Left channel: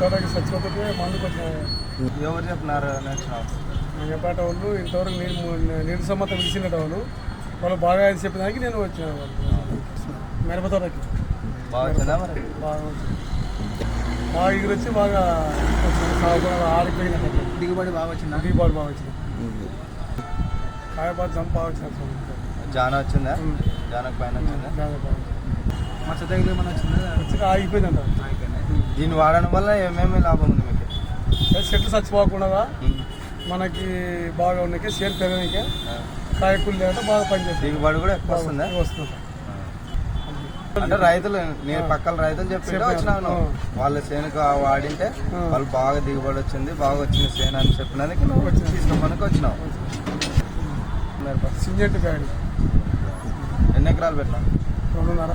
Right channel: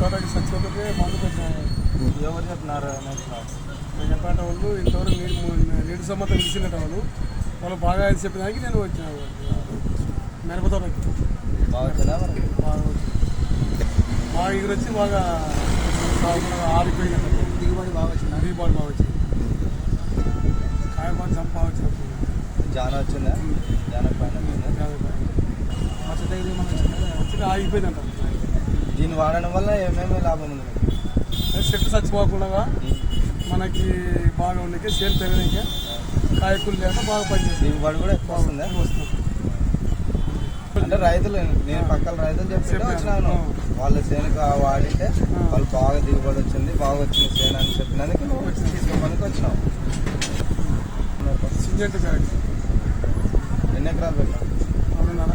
తోటకి చచ్చిపోతే మందుకు వచ్చిన ఎవరు చెప్పినారు మిగతాట వాళ్ళు ఇంతవరకు నీళ్ళు నీటి సమ్మతం ఇచ్చినట్టు వాళ్ళు. వాళ్ళు బాగా అది చెప్పినానికి నేను వచ్చిన మిరప తోటకి బాగా వచ్చిందా వచ్చింది. ఎగురు వచ్చి బాగా వచ్చింది కాయ కూడా ఆరిపోయినట్టు దిగుబడి బాగా వచ్చిందా? దీపావళి బాగా వచ్చింది. కాయపాటు చంప బాగా వచ్చినట్టు జాన వచ్చిందా? జానకు పైన వచ్చిందా? మచ్చ తగిలి ఏమైనా వచ్చిందా? ఆగిపోయిందంట. దీన్ని వాడడం వల్ల ఏమేమి లాభం ఉంది మీకు? చెట్టు చచ్చిపోకుండా మనకి బాగా ఉన్నాయి సేల్ పెరగడానికి. కాయకూలు లేక బాగా పనిచేస్తుంది దిగుబడి కూడా ఎక్కువ వస్తుందా? వస్తుంది. అంటే రైతులు నేను పక్కన రైతులు చెప్పింటే వచ్చినావు నువ్వు వాళ్ళ సేనుకు వాడింటే వాళ్ళు బాగా దిగుబడి వచ్చింది బాగా వచ్చింది సేను అని చెప్పినందుకు నువ్వు తీసుకోమనికి వచ్చినావు. ఎన్ని ఎకరాలు పెట్టినావు రెండున్నర.